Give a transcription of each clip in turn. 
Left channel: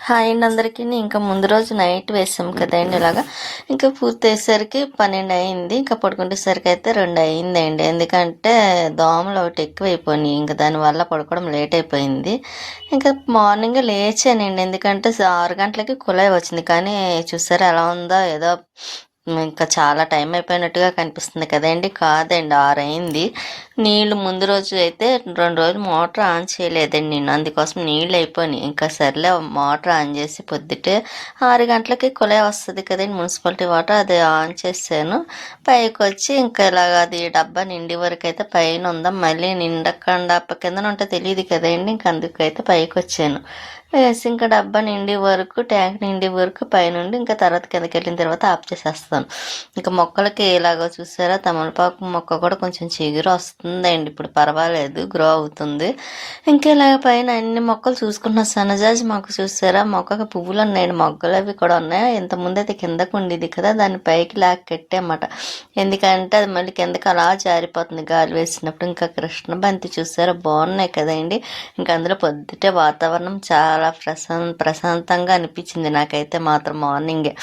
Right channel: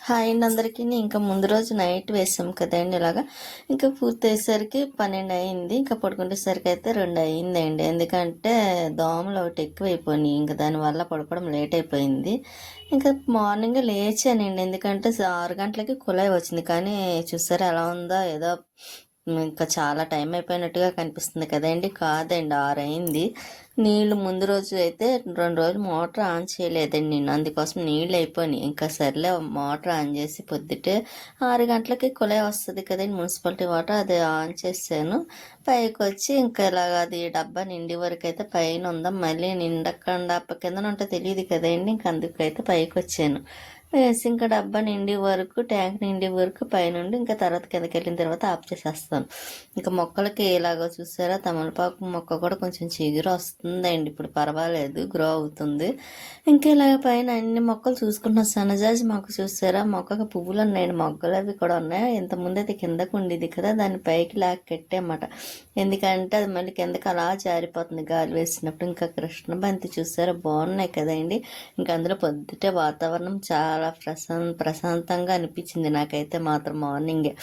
Hi అండి అందరికీ. ఇంకా ముందు రోజు నైట్ వేసాం కదండి ఇలాగా. ఇంకా పూర్తి అయ్యేసరికి పన్నెండు అయింది. ఇంకా పడుకునేసరికి అయితే రెండు అయిందండి. ఎందుకంటే దోమలు ఒకటి ఎక్కువైపోయినాయి. ఇంకా దానివల్ల పడుకోవడం లేట్ అయిపోయింది. ఇంకా మార్నింగ్ లేచానండి. ఎందుకంటే ఆరు గంటలకి కుళాయి వచ్చింది. కానీ చూసారా ఎలా ఉందో ఏదో ఇంకా చాలా టైం అయిపోయినట్టుగా కనిపిస్తుంది కదండి. కాదండి ఆరైంది. నీళ్ళు ముందు రోజు అయితే రెండు రోజులు మోటార్ ఆన్ చేయలేదండి నేను. అందుకోసం నీళ్ళు అయిపోయినాయి. ఇంకా సర్లే మోటార్ ఆన్ చేసి పొద్దుటే ఆరు గంటలకి కుళాయి వస్తుంది కదండి మున్సిపాలిటీ వాటర్. అది ఆన్ చేశాను. పైకి వచ్చి ఇంకా ఇలాగ అది డబ్బా నిండి వరకు అయితే పైన ఉందా మళ్ళీ నిండకుండా కింద ఉంటే తెలియదు కదండి. ఇంక అందుకైతే పైకి వచ్చాను. వేసి ఇంకా డబ్బా నిండి వరకు ట్యాంక్ నిండి వరకు పైనుండి ఇంకా తర్వాత కిందకి వెళ్ళిన తర్వాత ఆఫ్ చేసేస్తాను. ఇంకా మొక్కలకి ఎలాగో చూసారా తమలపాకు మొక్క కూడా కొంచెం చిగురు వస్తుందండి. ఇప్పుడు పర్వాలేదు గ్రో అవుతుంది. ఇంకా ఇలాగ పైన అన్ని మొక్కలు చూసుకున్న సన్నజాజి మొక్క చూసారా? మొక్కకి పువ్వులు ఉన్నాయండి మొగ్గలు అవి కూడా ఉన్నాయి. ఇంతకుముందు అయితే కిందకు ఉండేది కదా దాన్ని పైకి లాక్ కట్టామట ఎందుకంటే అది మళ్ళీ కిందకి అలా జారిపోతుంది. గాలి వేసినప్పుడు ఇంకా కృష్ణ బంతి చూసారా? బాగున్నాయి కదండి. ఇంకా అందులో పొద్దుటే వాతావరణం చాలా ప్రశాం ప్రశాంతంగా అనిపించింది నాకైతే మాత్రం మార్నింగే.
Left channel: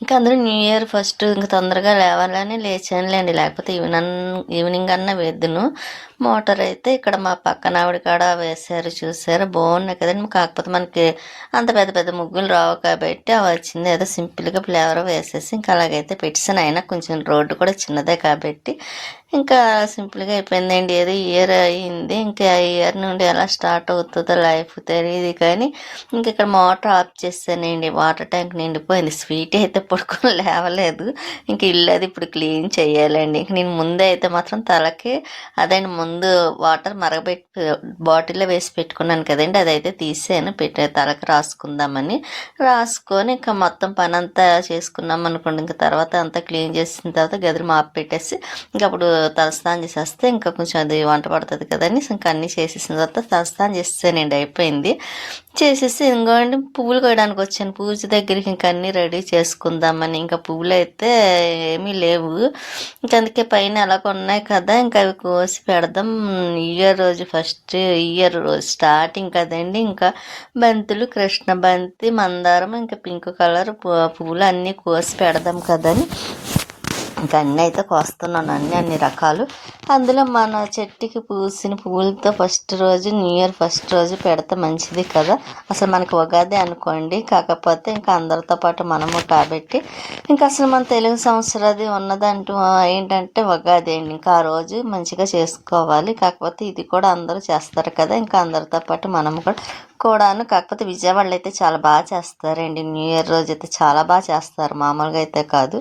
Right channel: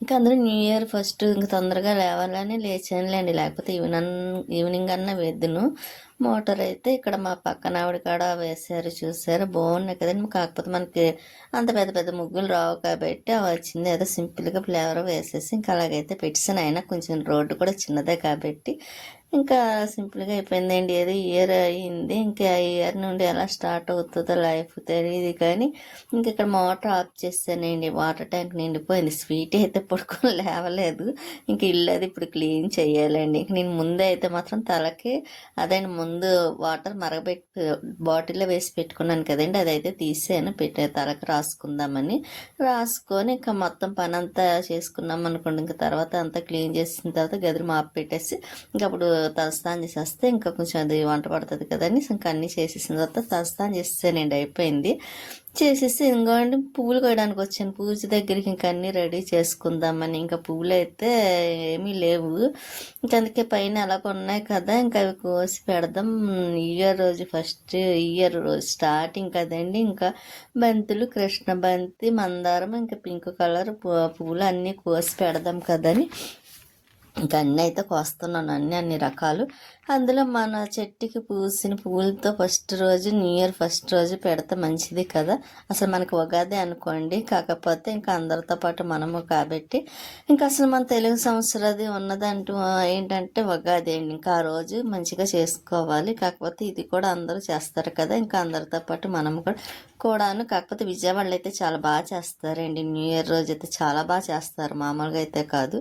ఇంకా అందరూ న్యూ ఇయర్ ఫస్ట్ ఇంకా తొందరగా లేవాలని లేచానులేండి. లేకపోతే ఈవినింగ్ ఈవినింగ్ అన్న వేద్దును. మోటార్ అయితే ఇక్కడ మా పక్కన ఆవిడ కాడ వేశారు చూసారు బాగున్నాయి కదండి. కాకపోతే మనకి అంత పెద్ద పెద్ద ముగ్గులు రావు కాబట్టి అవి వచ్చింది. ఏదో సింపుల్గా ఫ్లేవర్ వేసేసి ఇంకా అలాగైతే పెట్టేసాను అయినా కొంచెం రోడ్డు కూడా చిన్నదే కాబట్టి ఇంకా సింపుల్గా అయిపోయిందండి. ఏదో ఇయర్ అయింది. ఇంకా ఆ ఇయర్ నుండి ఎలా స్టార్ట్ అవుతుందో లైఫ్ తెలియదు కానీ ఇంక ఇక్కడ మోటార్ ఆఫ్ చేస్తానండి. వాటర్ ట్యాంక్ నిండిపోయింది. స్వీట్ అయితే పడుకొని లేవలేదు. ఇంక ఇల్లు అది ఇప్పుడు క్లీన్ చేయాలండి. ఇంక నేను ముందే అయితే మాత్రం తలకి అదండి ముందు వాటర్ మరగబెట్టి బాటిల్లో వేసి పెట్టుకున్నాను కదండి. అదైతే తీసాను. పెట్టి తలకి రాసుకుందామని. రాసుకొని ఇంకా మొత్తం పని అంతా చేసుకున్నాం అనుకోండి. ఇంకా తర్వాత అంతా క్లీన్ చేసిన తర్వాత గదిలో మాపు పెట్టేసి ఇంక అప్పుడు తలస్నానం చేసేస్తే ఇంకా కొంచెం అది వంట పడుతుంది కదని ఇంకా అన్నీ చేసేసిన తర్వాత తలస్నానం చేసేసానండి అయిపోయింది. చేసేసి ఇంకోండి పువ్వులు కొయ్యడానికి వచ్చాను. పూజ దగ్గరికి ఇంకా అన్నీ రెడీ చేసుకుందామని. ఇంకా పువ్వులు అయితే ఏమీ లేవు. ఇంకా అందుకే పైన ఎలా ఉన్నాయి కదా ఇంకా అవి కోసి పెడదాం. ఇయర్ రోజు ఫస్ట్ ఇయర్ రోజు స్టార్టింగ్ కదండి. ఇంకా బంతులు కృష్ణ బంతి మందారం ఇంకా పింక్ కలర్ పువ్వులు అన్నీ కోసి పెడదాం కదని. ఇంకా అన్నీ అయితే కోస్తున్నాను అన్ని అన్ని రకాలు. అందులో మన చెట్టుకి పూసిన పువ్వులతో ఫస్ట్ రోజు న్యూ ఇయర్ ఫస్ట్ రోజు పెడితే మంచిది కదా. అసలు మనకి ఉగాది అనుకోండి కాకపోతే ఇంకా అందరితో పాటు మనము కాబట్టి. ఇంకా అసలు మన తెలుగు సంవత్సరాది ఉన్నదంటూ ఏంటంటే ఉగాది అండి. ఇంకా ఆ రోజు మంచిగా చేసుకోవాలి. కాకపోతే ఇది కూడా అందరూ చేస్తారు కదా. ఇంకా అందరితో పాటు మనము కూడా కూడాను కాకపోతే విజయవాడలో అయితే చాలా బాగా చేస్తారండి. న్యూ ఇయర్ రోజు అయితే చాలా బాగా చేస్తారు. మామూలుగా అయితే కాదు.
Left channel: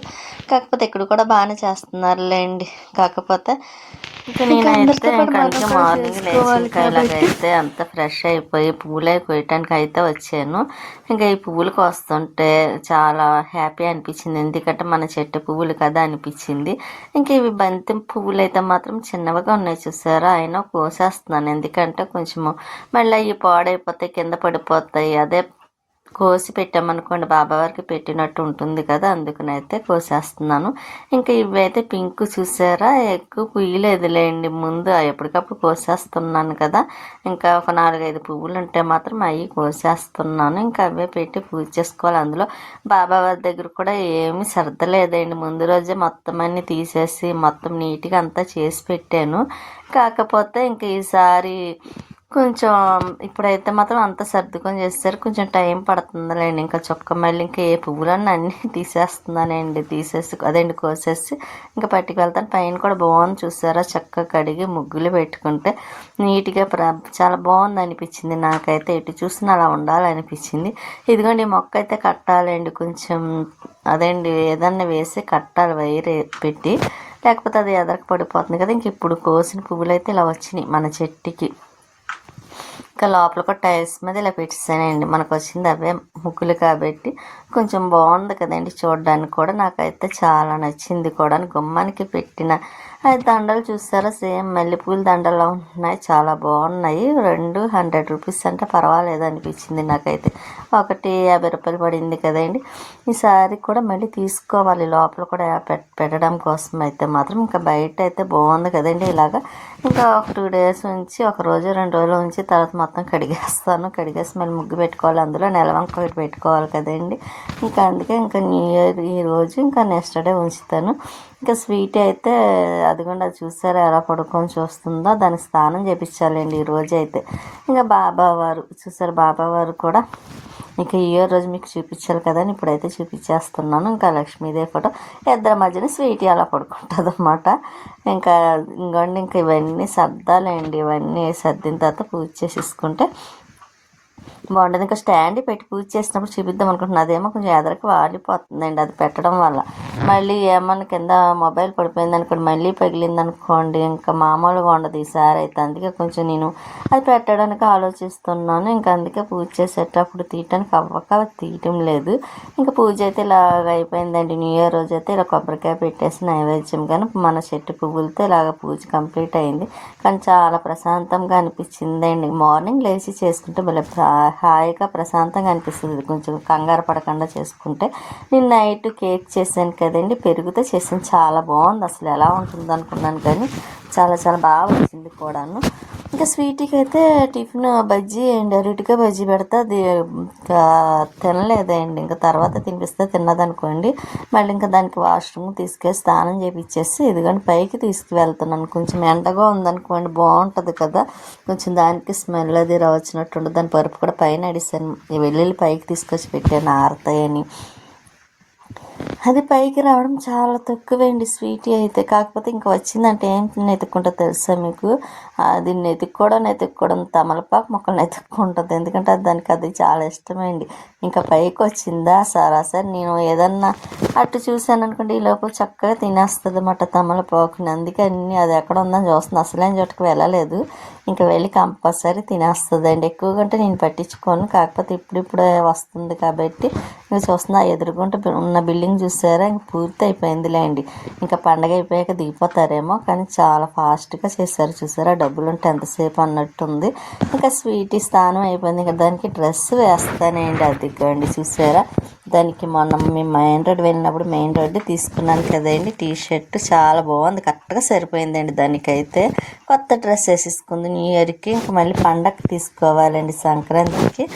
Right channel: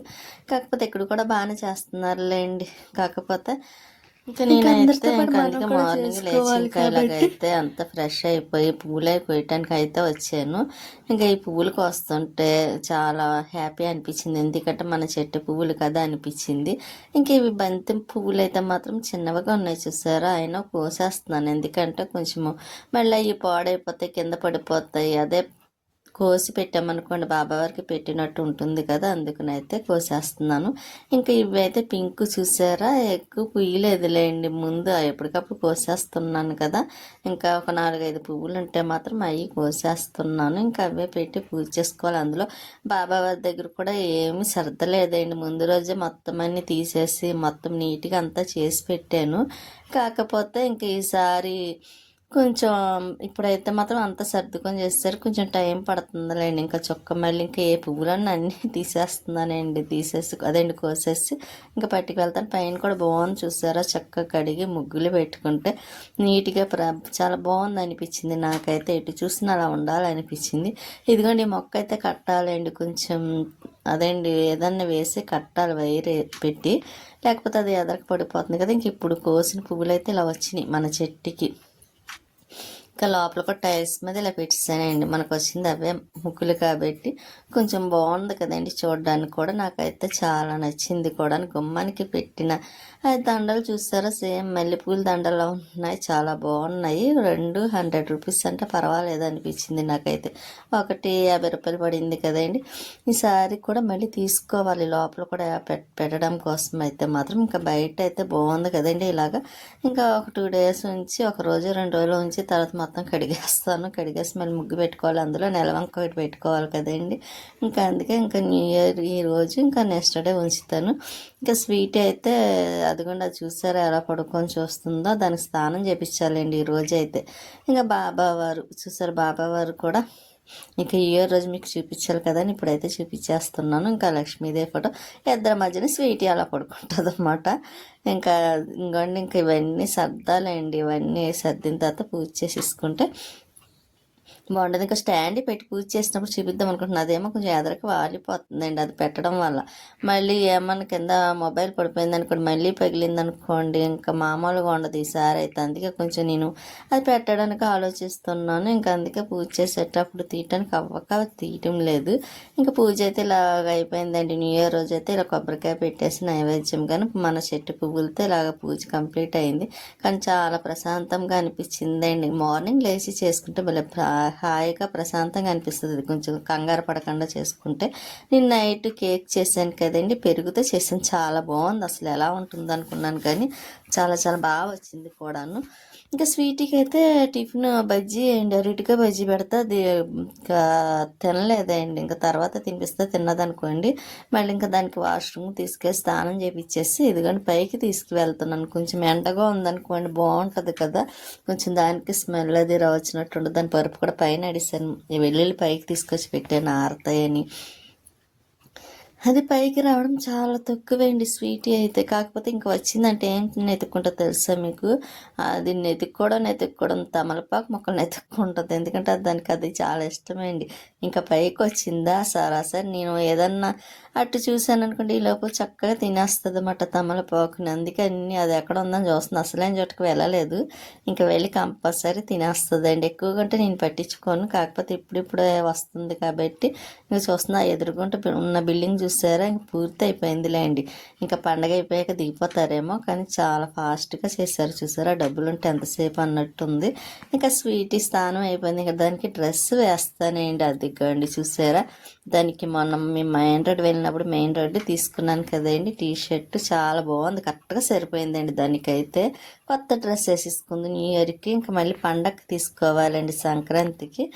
కాకపోతే ఇక్కడ కూడా బాగానే చేస్తున్నారులేండి. కాకపోతే ఇంకా నేనైతే ఇంకా అందుకే మార్నింగ్ లేచి ఇలాగైతే అంత ఫ్రెష్ అయిపోయి పువ్వులు అవి కోయటానికి అయితే వచ్చాను. ఇంకా ఈ పువ్వులు కోస్తుంటే చాలా హ్యాపీ అనిపించింది. ఎందుకంటే మన చెట్టు పువ్వులు కదా అనిపించింది. ఇంక ఇవి బంతి పువ్వులు అయితే మాత్రం చిన్నవిగా ఉన్నాయి చూసారా? అయినా కోసేస్తున్నాను. ఎందుకంటే కొంచెము మళ్ళీ అవి పాడైపోతాయి కింద పడిపోతాయి. అదే కోసి పెట్టామనుకోండి బాబావారికి పెట్టినట్టు ఉంటుంది కదా అందుకనైతే కోసేస్తున్నాను. ఇంకా ఇవైతే పింక్ చూసారా ఎక్కువ పుయ్యలేదులేండి ముందు ఎప్పటికప్పుడు కోసేస్తున్నాను కదా. ఇంకా ఒక నాలుగైదు పువ్వులు ఉంటే మాత్రం అవి కోసేస్తున్నాను. ఇంకా అవే పెట్టి పూజ చేసుకోవాలి అందులో. బాబావారి దగ్గర కూడా ఏమి సర్దలేదండి. ముందు రోజే మొత్తం అన్ని తీసేసి మొత్తం నీట్గా అంతా చేసి పెట్టాను. కాకపోతే ఇంక ఈసారి కొంచెం ఇప్పుడైతే మాత్రం అంత సర్దుకొని చేస్తారు. కొంచెం టైం పడుతుందిలేండి. ఇంకా చొక్క మళ్ళీ ఇంకా ఏ పువ్వులన్నీ అన్నీ తీసేస్తున్నానండి. తీసేసి అదండి కోసేసి ఇంకా పట్టుకెళ్తాను పైన కూడా బాగుంది చూసారా? చక్కగా కడిగి ముగ్గులు పెట్టుకుంటే నీట్గా ప్ర చాలా బాగుంది అనిపించింది నాకైతే. ఎటు చూసినా అలా ఉండాలనిపించింది. ఇదిగోండి మొక్క అయితే కట్టాలండి. కొంచెం అదండి ఏదన్నా వేసి కట్టాలి వైర్ పెట్టి. లేకపోతే అది ఎదరకు పడిపోతుంది కదా. ఇంక ఇప్పుడు కోసిన పువ్వులు అయితే ఇలా వచ్చినాయి మన చెట్టుకి. ఇంకా లోపల కూడా టైల్స్ మీద ఇలా పెట్టేసానండి మనకు వచ్చింది అవే ముగ్గులు కాబట్టి కొంచెం బాగుంది కదండి చూడడానికి కూడా. నాకైతే చాలా నచ్చింది కూడా. గుమ్మానికి పెట్టిన అది దండలు చూసారా? సేమ్ మల్లెపూల దండలు ఉంటున్నాయి చాలా బాగున్నాయి. రెండు హండ్రెడ్ రూపీస్ అంటే పర్వాలేదు అనిపించింది నాకైతే. ఒకటి యాభై రూపాయలు పడింది కదండి. ఈసారి కూడా మళ్ళీ తీసుకోవాలి. లోపల కూడా పెట్టడం కోసం అయితే మాత్రం ఇంకా బయట అయితే బాగుంది కదండి ఇలాగా. ఇంకా ఒక టూ డేస్ ఉంచి ఒక రోజు రెండు రోజులు ఉంచి తర్వాత మొత్తం కడిగేస్తాను. కడిగేసి మళ్ళీ ముగ్గు పెట్టుకోవాలి. అందులో నెలవంక ఒకటి పెట్టుకోవాలి కదండి. ఇంకా అందుకే ఇంకా న్యూ ఇయర్ ఈ రోజు ఇంకా నెక్స్ట్ డే ఉంచుతాను. ఇంకా స్వీట్ అయితే అదిగోండి అది చూసారా ఎలా పడుకొని చూస్తుందో? దానికి స్నానం చేపించాలండి ఈ రోజు అయితే ఇంకా బాబా వారు చూసారు బాబా వారు కూడా ఇంకా ఈ రోజు మీకు చూపించాలి కదా అని ఇప్పుడైతే చూపించేస్తున్నాను. ఇంకా లక్ష్మీదేవి ఫోటో ఇద్దరి మధ్యన స్వీట్ అలా పడుకుంటుంది అనమాట ఇంకా ఇంకోండి ఇంకా ఇవన్నీ సర్దాలండి. ఇవన్నీ సర్దిన తర్వాత పూజ చేసేసుకుంటే బాగుంటుంది. ఇంకా స్టాండ్ పెట్టి పూజ చేసినప్పుడు చూపిద్దాం అనుకుంటున్నా. అదేమో కొంచెం ఎదరికి వాలిపోతుందండి అది పెట్టడం వల్ల. మళ్ళీ ఏమన్నా కింద మొబైల్ పడిపోయింది అనుకోండి మళ్ళీ పగిలింది అనుకోండి ఇంకా మామూలుగా ఉండదు ఈసారి అయితే. అందుకే కొంచెం నేను అది పెట్టడానికి ఆలోచిస్తున్నాను. ఇంకా అందుకే పూజ చేసేటప్పుడు తీయటానికి అవ్వక తీయటం లేదు. ఇంకా పూజ అయితే ఇలాగ అయిపోయిందండి. న్యూ ఇయర్ రోజు అయితే ఇలా కొబ్బరికాయ పెట్టేసి నైవేద్యం కానీ మన చెట్టు పువ్వులతో ఇలాగ పూజ కంప్లీట్ అయింది. కానీ చాలా ప్రశాంతంగా అనిపించిందండి. మార్నింగ్ లేచి చేసుకుంటే మళ్ళీ హాయిగా ప్రశాంతంగా అనిపిస్తుంది. కొంచెం కంగారు పడకుండా చేసుకుంటే. నేను నైట్ కేక్ చేశాను కదండి. పెరుగుతో చేసాను చాలా బాగుంది. అసలు ఎలా ఉంటుంది అనుకున్నాను కానీ చాలా చాలా బాగా వచ్చింది కూడాను. ఇంకా స్వీట్కి అయితే టిఫిన్ బజ్జీ అండ్ అరటిగా బజ్జీ పెడితే. అది ఇంకా తినలేదండి. ఇంకా తర్వాత తినిపిస్తే తిన్నదనుకోండి. మళ్ళీ ఇంకా దానికి వాష్రూమ్ తీసుకెళ్ళి స్నానం చేపించేసి ఇదిగోండి పైకి తీసుకువెళ్తున్నాను. కొంచెం ఎండగా ఉందనుకోండి బాగుంటుంది కదా. కొంచెం దానికి స్మెల్ అది రావచ్చినట్టు దాని పరుపు కూడా పైన అడిసాను. వెళ్ళి వెల్లుల్లి పైకి తీసుకొచ్చి పెట్టాను ఆరుతాయని. అది పైకి రావడం చాలా తక్కువేండి స్వీటీ అయితే. కాకపోతే ఇంకా వచ్చిందంటే ఏంటి నెతుక్కుంటో తెలుసా మీకు? అది నెతుక్కోవడం నెతుక్కోవడం తమలపాకు మొక్కలు నెతుక్కుంటుంది. ఎందుకంటే అది దానికి అది చాలా ఇష్టమైంది ఇంకా పైకి వచ్చిందా? సరాసరి నేను ఏదన్నా అటు చూశాను అనుకోండి ఈ లోపల చక్కగా తినేస్తుంది అన్నమాట తమలపాకుని. అందుకని అది ఎక్కడ ఉందని చూస్తుంది అసలేం చోటుకు వెళ్ళలేదు. ఇంకా వెళ్ళి కంపల్సరీ తినేస్తుంది అండి ఎక్కువగా అంటే నేను పట్టించుకోను. కాకపోతే ఇప్పుడిప్పుడే వస్తుంది కాబట్టి ఇంకా చూస్తున్నా. ఎదురుగుంట ఉన్న బిల్డింగ్ చూసారా? ఇంక పూర్తి అయిపోయిందిలే అండి ఇంకా పండగ అయిపోయాక దిగిపోతారేమో కానీ చాలా ఫాస్ట్గా చేశారు. చూసారా? డబ్బులు ఉంటే ఎంతసేపు అన్నట్టుంది. ఇంకా స్వీట్ స్థానం అయిపోయింది. ఇంకా దానికి డ్రెస్ వేస్తానండి అది. అండి చూసారా? దానికి మొన్న మేము మెయిన్ రోడ్ వెళ్ళినప్పుడు మెయిన్ రోడ్ తీసుకున్నాను కదండి టీ షర్ట్ చాలా బాగుంది కరెక్ట్గా సరిపోయిందండి దానికైతే. కొత్త డ్రెస్ వేసేసుకుంది న్యూ ఇయర్కి ఇంకా మళ్ళీ పండగకి తీసుకోవాలండి సంక్రాంతికి.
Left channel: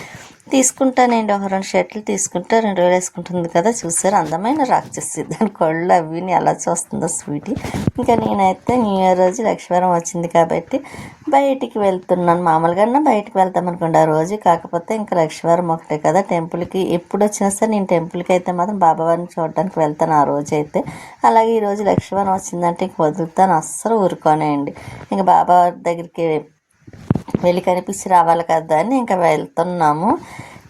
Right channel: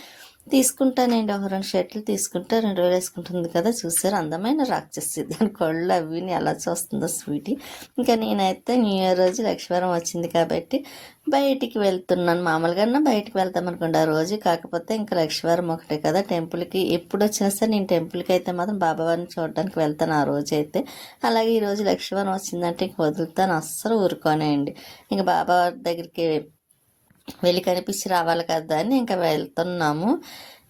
తీసుకుంటానండి. ఒక రెండు షర్ట్లు తీసుకుంటే రెండు వేలు వేసుకుంటుంది కదా. చూసారు? అందమైన రాక్షసి. దాని కళ్ళు అవి ఎలా చూస్తుందో స్వీటీ. ఇంకా నేనైతే న్యూ ఇయర్ రోజు లక్ష్మీవారం వచ్చింది కాబట్టి బయటికి వెళ్తున్నాను. మామూలుగా బయటికి వెళ్తాం అనుకోండి. ఆ రోజు కాకపోతే ఇంకా లక్ష్మీవారం ఒకటే కదా. టెంపుల్కి ఎప్పుడు వచ్చినా సరే నేను టెంపుల్కి అయితే మాత్రం బాబావారిని చూడడానికి వెళ్తాను ఆ రోజు అయితే. అలాగే ఈరోజు రోజు లక్ష్మీవారం వచ్చిందంటే ఇంక వదులుతాను. అస్సలు ఊరుకోనేయండి ఇంకా బాబావారి దగ్గరికి వెళ్ళి కనిపించి రావాలి కదా అని ఇంకా వెళ్తున్నాము.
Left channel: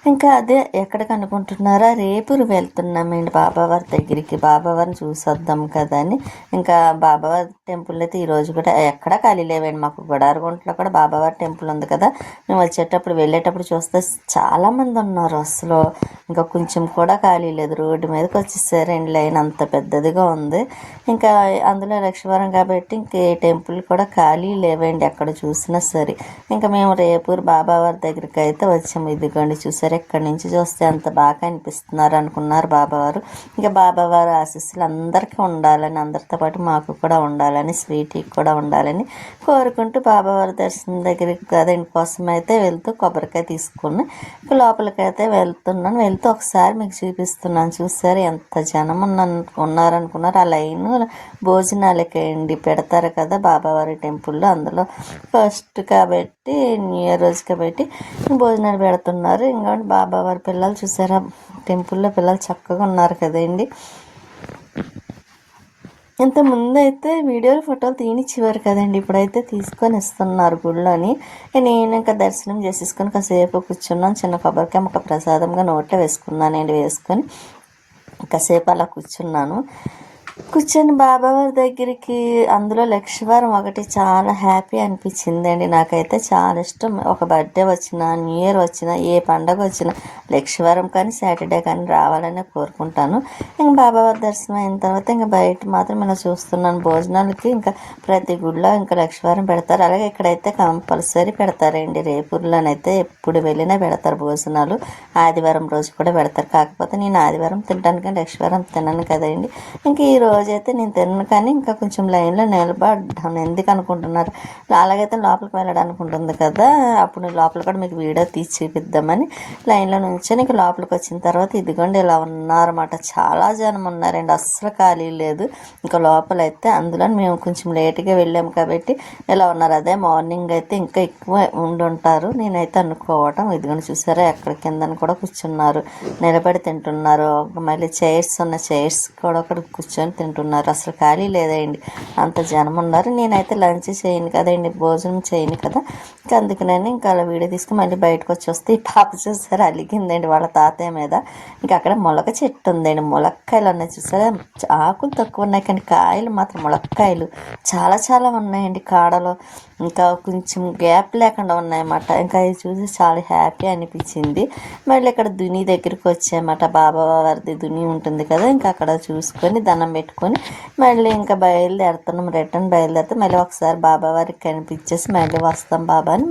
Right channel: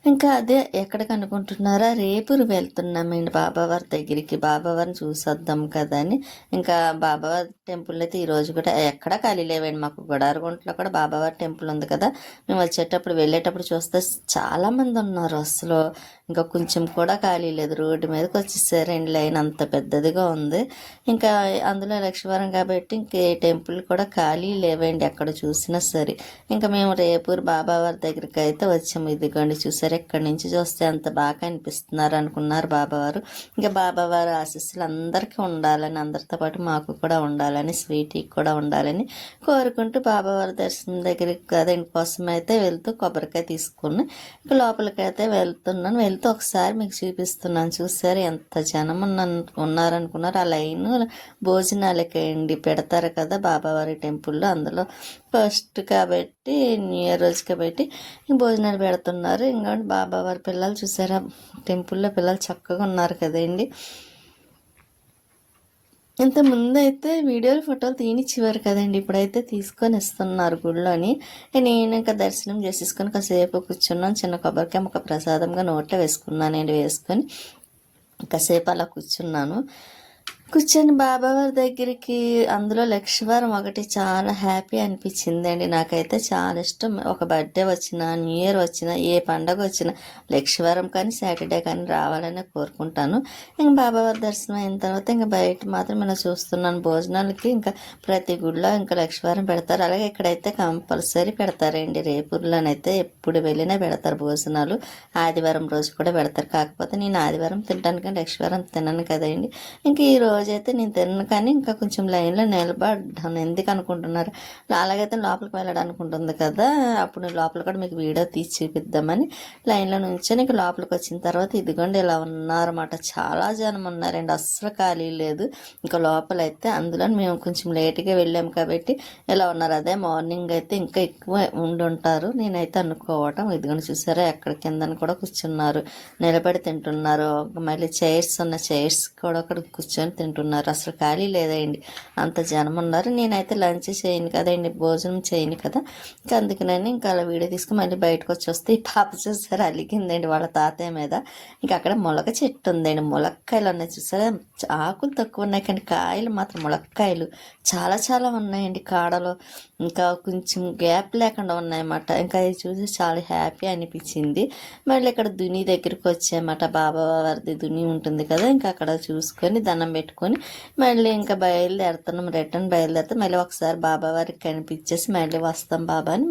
ఇంకా అదే ఎక్కడికి అనుకుంటున్నారా రేపు వెళ్తున్నామండి బాబావారి దగ్గరికి. బాబావారిని చూసొద్దాం కదా అని. ఇంకా బాబావారి టెంపుల్ అయితే ఈరోజు కూడా ఎక్కడ ఖాళీ లేవండి. మాకు గొడారగుంటలో కూడా బాబావారి టెంపుల్ ఉంది కదా. మేము వచ్చేటప్పుడు వెళ్ళేటప్పుడు చూస్తే చాలామంది ఉన్నారు అసలు. ఇంకా కొంచెం కూడా ఖాళీ లేదు. రోడ్డు మీదకి వచ్చేసారండి. లైన్ అంత పెద్దదిగా ఉంది. ఇంకా అందులో లక్ష్మీవారం కాబట్టి ఇంక ఏ టెంపుల్ కూడా ఖాళీ లేవండి ఎక్కడ చూసినా సరే. ఇంకా మేము రేపూరు బాబావారి దగ్గరికి అయితే వచ్చాము. ఇదిగోండి చూసారు? ఇక్కడి నుంచి చూస్తే అంత బాగా అనిపిస్తున్నారు అనుకున్నారు బాబావారు. ఇంకా బాబావారు ఆశీస్సులు అందరికీ ఉండాలని అందరితో పాటు మాకు కూడా ఉండాలని స్వీటీకి కూడా ఉండాలని కోరుకుంటూ బాబావారి దర్శనం దగ్గరికి కదా కోసం అయితే వెళ్తూ కొబ్బరికాయ తీసుకుని లోపలికైతే వెళ్తున్నాను. వెళ్తూ ఒకసారి మీకు చూపిస్తున్నాను. చూసారు ఎంత జనం ఉన్న ఉన్నారనుకున్నారు. ఆ లైన్ భోజనాలకి అండి పెడతారు కదా బాబావారి టెంపుల్లో. అందులో ఫస్ట్ కాబట్టి న్యూ ఇయర్ రోజు కాబట్టి భోజనాలు పెడుతున్నారు. ఇంకా బాబావారి పిల్లలు చూసారా? టెంపుల్లో పిల్లలు చక్కగా ఉన్నారు కదండి. ఇంత ముందు అయితే వీడియోలు ఫోటోలు తీయనిచ్చేవారు కదండి. ఇప్పుడైతే తీసుకొని ఇస్తున్నారు గుళ్ళోని. నేను ఇంకా దర్శనం చేసేసుకొని కాసేపు కూర్చున్నాను. చిన్న కొబ్బరికాయ ఒక ప్రసాదంగా నోట్లో వేసుకున్నానండి వేసుకొని కాసేపు అలా కూర్చున్నాను. కూర్చొని బాబావారి దగ్గరికి అందులో లక్ష్మీవారం ఒకటి చాలా హ్యాపీ అనిపించిందండి. నాకైతే చాలా ఇష్టం. ఒక బర్త్డే వచ్చినా న్యూ ఇయర్ వచ్చినా ఏ పండగ వచ్చినా లక్ష్మీవారం కానీ సాటర్డే కానీ రావాలని కోరుకుంటాను. ఇంకా బాబావారి దర్శనం అయిన తర్వాత ఇంకా బయట మాత్రం మనం చూస్తున్నాను. భోజనాలకి ఇంకా ప్రతి గుడిలో ఇంకా లక్ష్మీవారం పెడతారు. అలాగే ఇక్కడైతే కంపల్సరీ పెడతారండి. రేపూర్లోనైతే ఎప్పుడు వెళ్ళినా పెడతారు భోజనాలు. ఆదివారం రోజు కూడా పెడతారు. కాకపోతే నేను ఆదివారం తినడానికి లక్ష్మీవారం తినను కదండి. ఇంకా ఈ రోజైతే నేను తిన్నాను కానీ ఇంకా కొంచెం లైన్లో నిలబడ్డాను. ఎందుకు అనుకుంటున్నారు? అలాగైతే లోపలికి వెళ్ళడానికి ఉంటుంది కదా. అప్పుడు లోపల కూడా మీకు వీడియో తీసి చూపిద్దామని లైన్లో నుంచొని ఇంకా లోపలికి వచ్చిన తర్వాత ఇదిగోండి ఇలా ఉన్నారన్నమాట. చాలా జనం ఉన్నారండి. అస్సలు ఖాళీ లేదు. ఇంకా లోపలైతే అందులో మేము కొంచెం లేట్గా వెళ్ళాం కాబట్టి ఇలా ఉన్నారు. అదే మార్నింగ్ అయితే ఇంకా ఎక్కువ ఉండి ఉంటారు. నేనైతే అనుకోవటం ఇదిగోండి చూసారా ఎక్కడ కిందని కూడా కూర్చున్నారు. నిలబడి తింటున్నారు. మళ్ళీ చైర్స్ ఉన్న చైర్స్ కూడా అక్కడ కూర్చొని తింటున్నారు? అసలు ఖాళీ లేదండి అంత జనం ఉన్నారు. నేనైతే లంచ్ చేయను కదండి భోజనం చేయను కదా. ఇంకా అందుకని ఇంకా అలా వీడియో తీసుకుని మళ్ళీ బయటకు వచ్చి వస్తే ఈ పాప చూసారు? అలిగిందండి వాళ్ళ తాతయ్య మీద. ఇంకా అక్కడ మొలక చెట్టు ఉందండి. ములక్కాయలు ఉన్నాయి చూసారా? ఆకులు తక్కువ ఉన్నాయి కానీ కాయలు మాత్రం ములక్కాయలు. చాలా చాలా ఉన్నాయండి కాడలో. ఇంకా కొంచెం గ్యాప్ లేకుండా ఉన్నాయన్నమాట. ఇంకా అది చూసి చాలా హ్యాపీ అనిపించింది. మళ్ళీ ఇక్కడ దుని దగ్గరికి వచ్చాయన్నమాట. బాబా వారిది దుని ఉంటుంది కదా ఇంకా అక్కడ చూసుకొని దండం పెట్టుకొని మళ్ళీ ఇంకా బయలుదేరుతున్నాం. రిటర్న్ బయలుదేరితే మళ్ళీ ఒకసారి బాబా వారికి కనిపించేసి మళ్ళీ వస్తాం బాబా అని